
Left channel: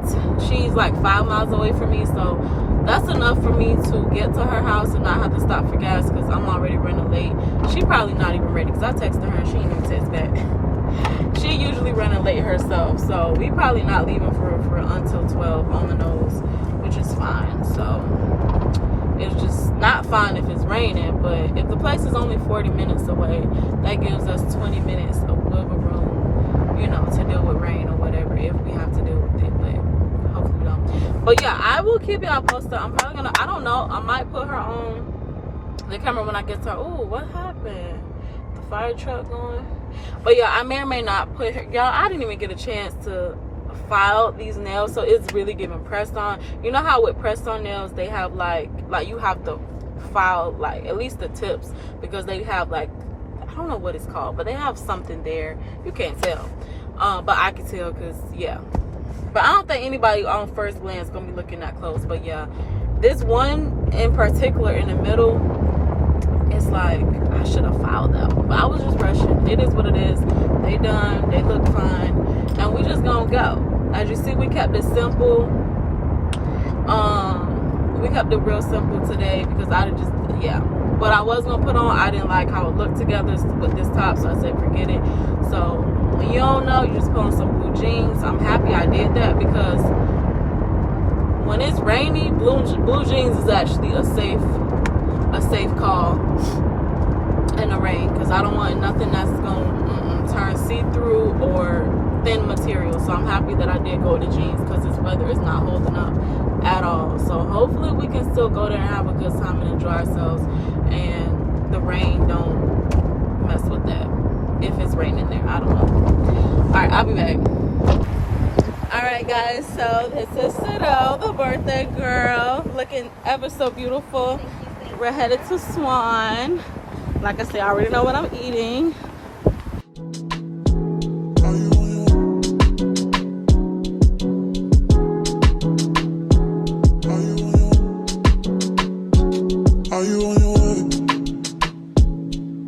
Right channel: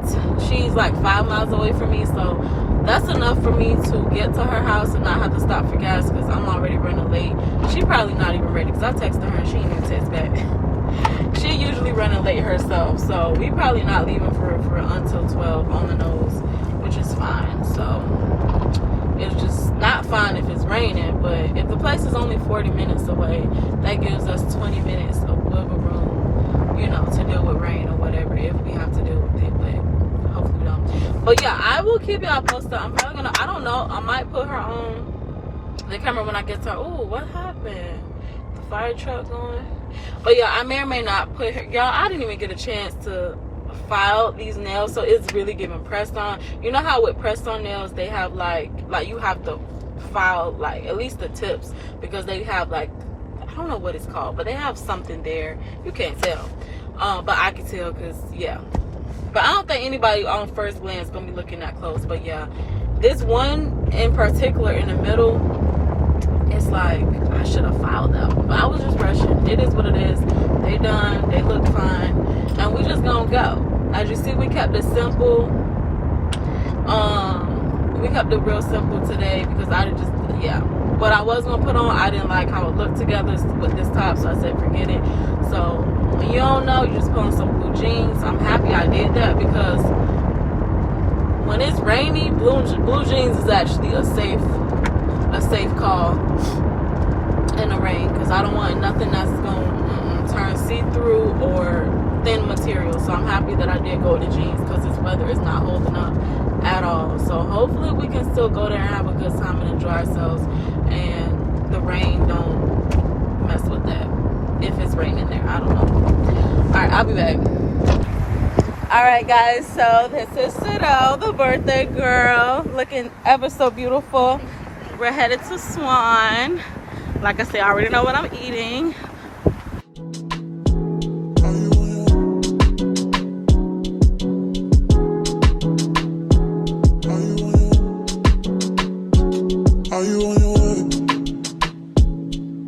she's like 5 miles away from me, so that's enough for me to get to her house and not have to stop for gas, because I'm already running late. She probably not even ready, because I texted her and she didn't even text back. She usually running late herself, so we probably not leaving for until 12 on the nose, which is fine. So it's just not fine if it's raining, but if the place is only 40 minutes away, that gives us 20 minutes of wiggle room, to deal with rain or whatever, if we have to deal with it, but hopefully we don't. But yeah, I will keep y'all posted. I'm probably gonna, I don't know, I might put her on the camera when I get to her. Oh, what happened? The fire truck going? But yeah, I may or may not put her, y'all, I didn't even get a chance to file these nails, so it's really giving pressed on. You know how with pressed on nails they have like you have to file like at least the tips, because they have like don't know what it's called, but they have something there. You can't tell, but I can tell because yeah. But I don't think anybody on first glance gonna be looking that close. But yeah, this one in particular in the middle, it's like I should have filed them, but I was just rushing. It is what it is. They done. They look fine, and we just gonna go. As you see, we kept it simple. We kept it real simple today because I just what I was gonna put on, I didn't like how it looked together with this top, so I said forget it. So when you don't know, you just put on some blue jeans. I'm happy I did that because when it's rainy, blue jeans is actually a safe call in the rain, because I don't want nothing that's gonna turn see-through or thin material. So I'm happy that I did go with the jeans because this weather is not holding up at all. So hopefully we can still go there and have a good time and enjoy ourselves, and the rain don't mess with that if it's raining there. I don't know. All right, I'll be back. All right, guys, so this is Sido, the birthday girl, looking ever so beautiful. We're headed to Swan. Like I said, I already know what I'm eating. Are you on your way?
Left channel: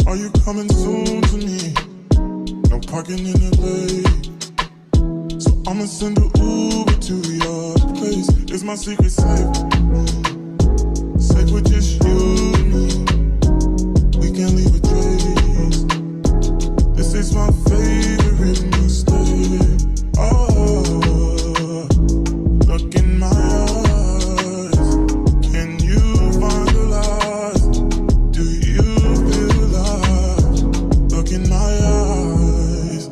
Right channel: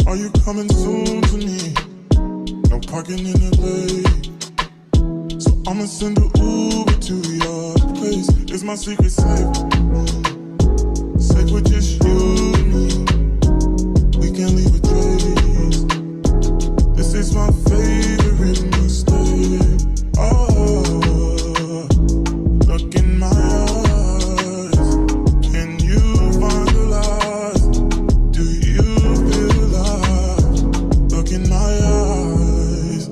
Are you coming soon to me? No parking in LA, so I'ma send an Uber to your place. It's my secret safe, safe with just you and me. We can't leave a trace. This is my favorite mistake. Oh, look in my eyes. Can you find the lies? Do you feel alive? Look in my eyes.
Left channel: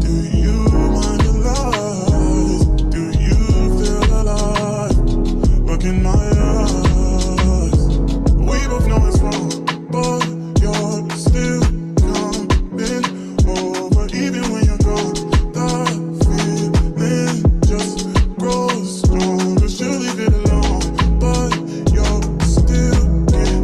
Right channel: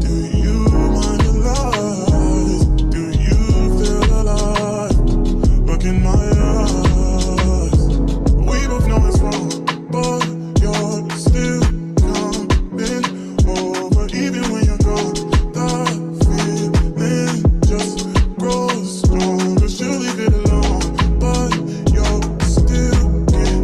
Do you mind the lies? Do you feel alive? Look in my eyes. We both know it's wrong, but you're still coming over. Even when you're gone, the feeling just grows stronger. She'll leave it alone, but you're still getting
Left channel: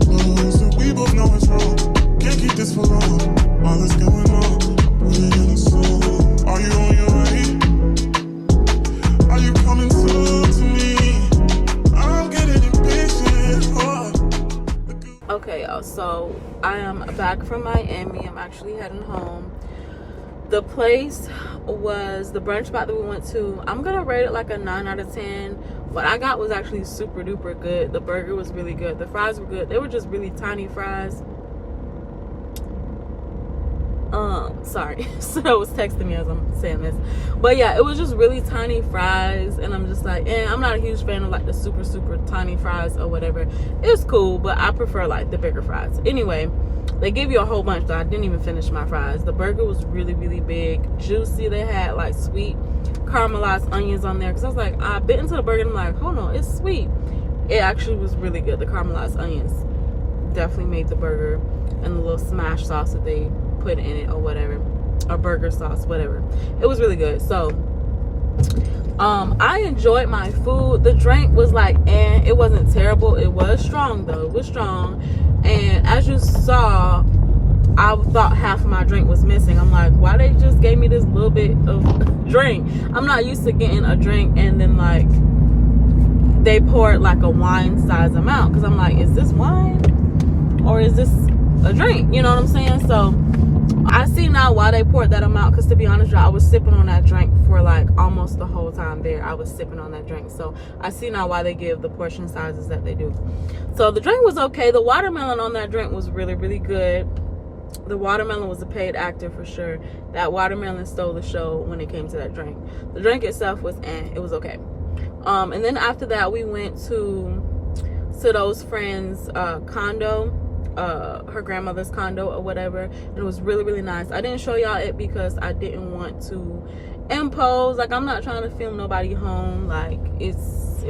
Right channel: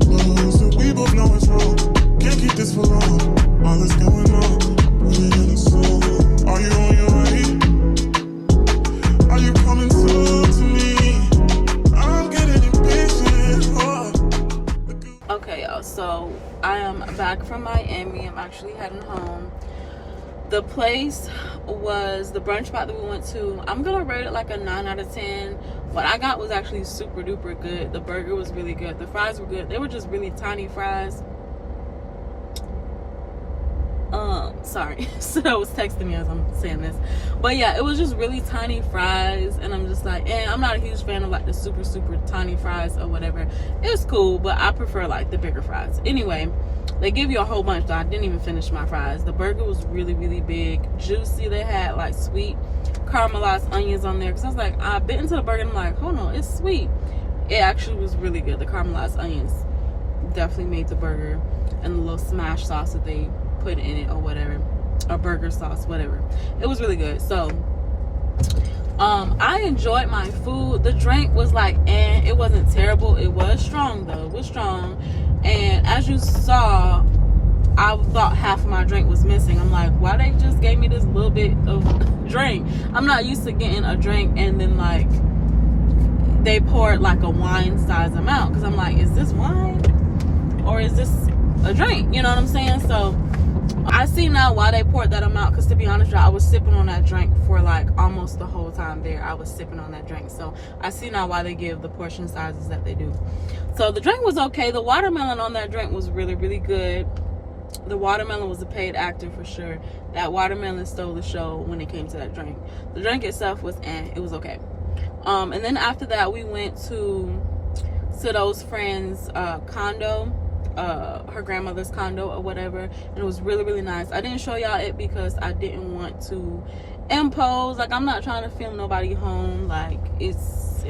closer. We both know it's wrong, can't keep this for long. All that's going on, put it in a song. Are you on your way? Are you coming soon to me? I'm getting impatient. Oh. Okay, y'all, so I am back from Miami. I'm actually heading home. The place was the brunch spot that we went to. I'm gonna rate it like a 9 out of 10. What I got was actually super duper good. The burger was really good. The fries were good. They were just really tiny fries. Sorry. So I was texting me as I'm saying this, but yeah, it was just really tiny fries, and I'm just like, I'm not a huge fan of like the super tiny fries or whatever. It's cool, but I prefer like the bigger fries. Anyway, they give you a whole bunch though. I didn't even finish my fries. The burger was really big, juicy. They had like sweet caramelized onions on there, because I was like, I bit into the burger and I'm like, hold on, it's sweet. It actually was really good. The caramelized onions definitely made the burger, and the little smash sauce that they put in it or whatever, or burger sauce, whatever. It was really good. So I enjoyed my food. The drink was like, it wasn't terrible. It was strong though. It was strong. And as you saw, I thought half of my drink was missing. I'm like, why they just gave me this little bit of drink? I'm not used to getting a drink and then like they poured like a wine size amount, because I'm like, is this wine or is this a drink? You know what I'm saying? So I see now why they poured that amount, because to be honest, y'all, I was sipping on that drink for like almost the whole time there. I was sipping on that drink. So I see now why they give the portion sizes that they do. So the drink was okay. The watermelon on that drink was really good. The watermelon was a paid actor for sure. That watermelon stole the show when it came to that drink. The drink itself was it was okay. And then after that, we went to Sido's friend's condo, her grandmother's condo or whatever, and it was really nice. I didn't show y'all it because I didn't want to impose. Like, I'm not trying to film nobody home. Like, it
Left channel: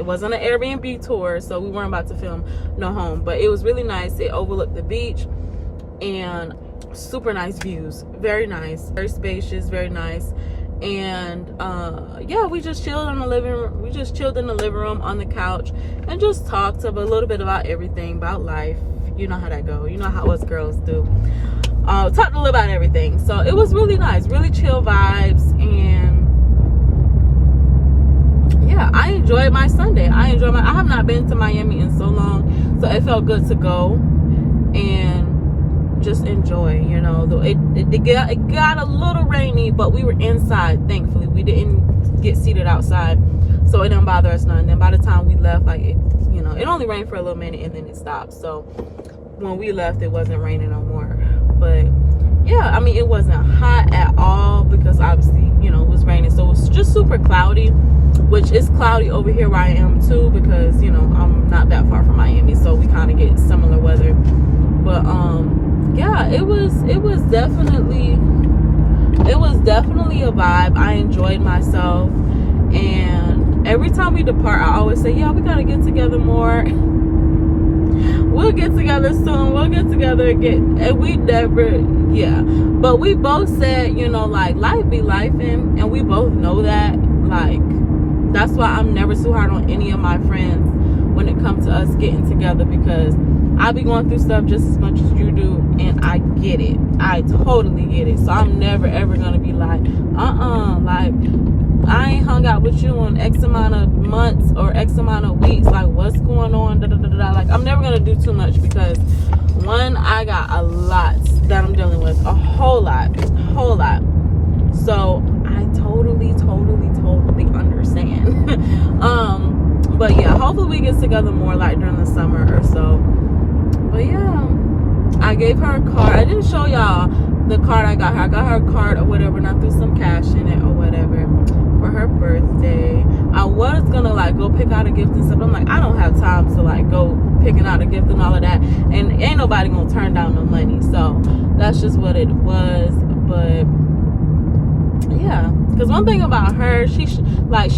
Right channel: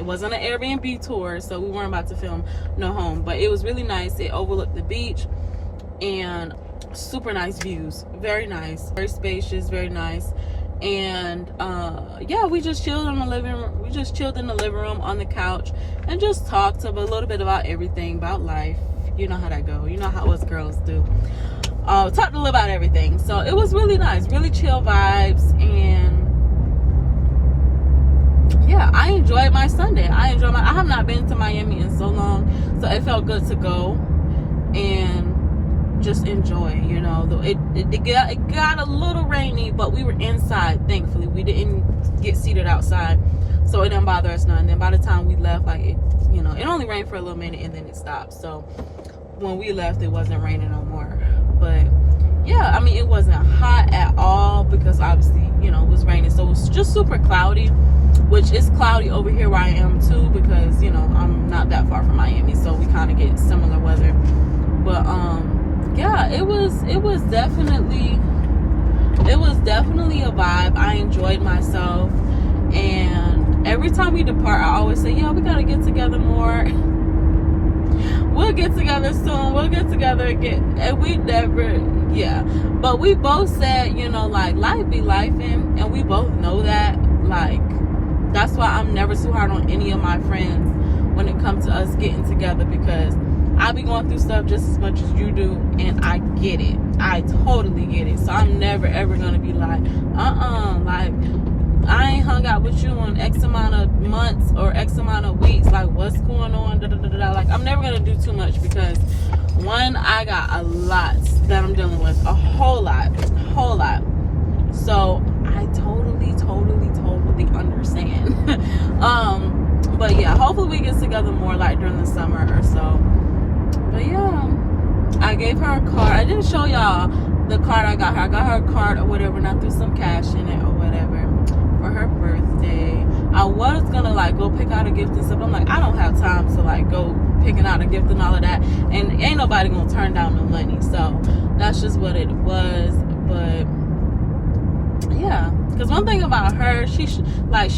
wasn't an Airbnb tour, so we weren't about to film no home, but it was really nice. It overlooked the beach and super nice views. Very nice, very spacious, very nice. And yeah, we just chilled in the living room. We just chilled in the living room on the couch and just talked a little bit about everything, about life, you know how that go. You know how us girls do. Talked a little about everything. So it was really nice, really chill vibes, and yeah, I enjoyed my Sunday. I have not been to Miami in so long, so it felt good to go and just enjoy, you know. It got a little rainy, but we were inside, thankfully. We didn't get seated outside, so it didn't bother us none. And then by the time we left, like, you know, it only rained for a little minute and then it stopped. So when we left, it wasn't raining no more. But yeah, I mean, it wasn't hot at all because obviously, you know, it was raining. So it was just super cloudy, which is cloudy over here where I am too, because, you know, I'm not that far from Miami, so we kind of get similar weather. But yeah, it was definitely a vibe. I enjoyed myself, and every time we depart, I always say, yeah, we gotta get together more. We'll get together soon. We'll get together again. And we never, yeah. But we both said, you know, like, life be lifing, and we both know that. Like, that's why I'm never too hard on any of my friends when it comes to us getting together, because I be going through stuff just as much as you do, and I get it. I totally get it. So I'm never ever gonna be like, like, I ain't hung out with you in X amount of months or X amount of weeks. Like, what's going on? Like, I'm never gonna do too much, because one, I got a lot that I'm dealing with, a whole lot. So I totally understand. But yeah, hopefully we get together more, like, during the summer or so. But yeah, I gave her a card. I didn't show y'all the card I got her. I got her a card or whatever, and I threw some cash in it or whatever for her birthday. I was gonna, like, go pick out a gift and stuff. I'm like, I don't have time to, like, go picking out a gift and all of that, and ain't nobody gonna turn down no money. So that's just what it was. But yeah, because one thing about her, she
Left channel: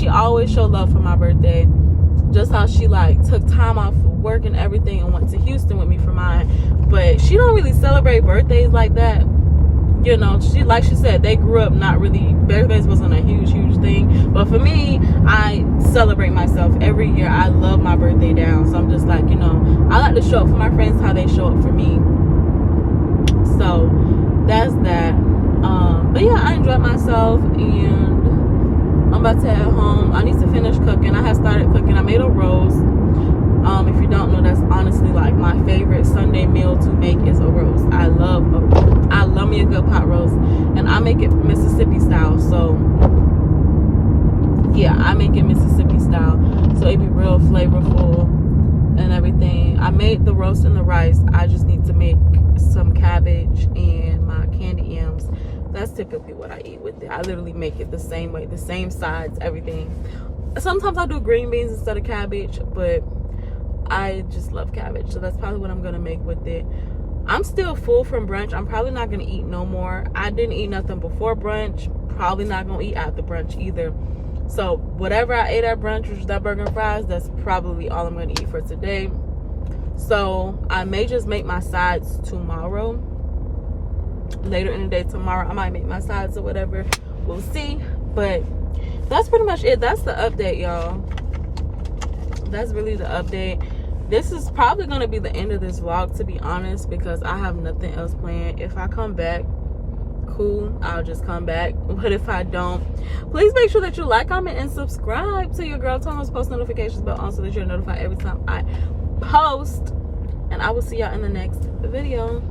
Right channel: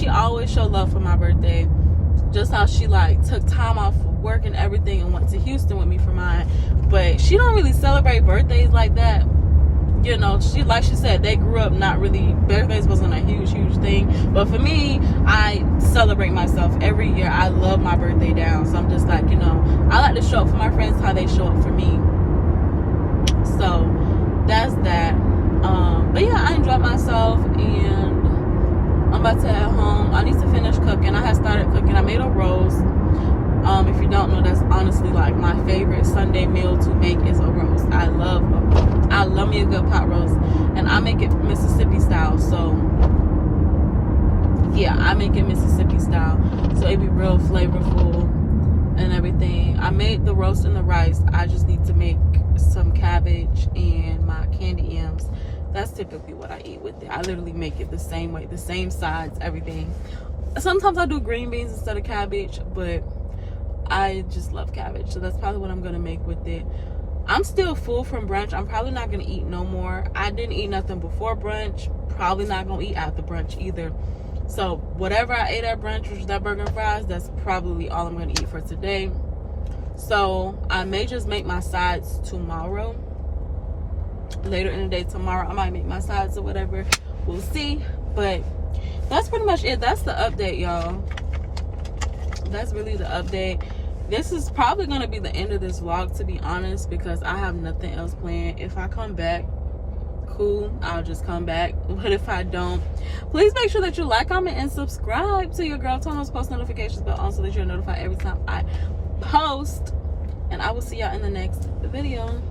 always show love for my birthday. Just how she, like, took time off of work and everything and went to Houston with me for mine. But she don't really celebrate birthdays like that. You know, like she said, they grew up not really, birthdays wasn't a huge thing. But for me, I celebrate myself every year. I love my birthday down. So I'm just like, you know, I like to show up for my friends how they show up for me. So that's that. But yeah, I enjoyed myself, and I'm about to head home. I need to finish cooking. I had started cooking. I made a roast. If you don't know, that's honestly, like, my favorite Sunday meal to make is a roast. I love me a good pot roast, and I make it Mississippi style. So yeah, I make it Mississippi style, so it be real flavorful and everything. I made the roast and the rice. I just need to make some cabbage and my candy yams. That's typically what I eat with it. I literally make it the same way, the same sides, everything. Sometimes I do green beans instead of cabbage, but I just love cabbage, so that's probably what I'm gonna make with it. I'm still full from brunch. I'm probably not gonna eat no more. I didn't eat nothing before brunch. Probably not gonna eat after brunch either. So whatever I ate at brunch, which was that burger and fries, that's probably all I'm gonna eat for today. So I may just make my sides tomorrow. Later in the day tomorrow, I might make my sides or whatever. We'll see. But that's pretty much it. That's the update, y'all. That's really the update. This is probably going to be the end of this vlog, to be honest, because I have nothing else planned. If I come back, cool, I'll just come back. But if I don't, please make sure that you like, comment, and subscribe to your girl. Turn those post notifications bell on so that you're notified every time I post. And I will see y'all in the next video.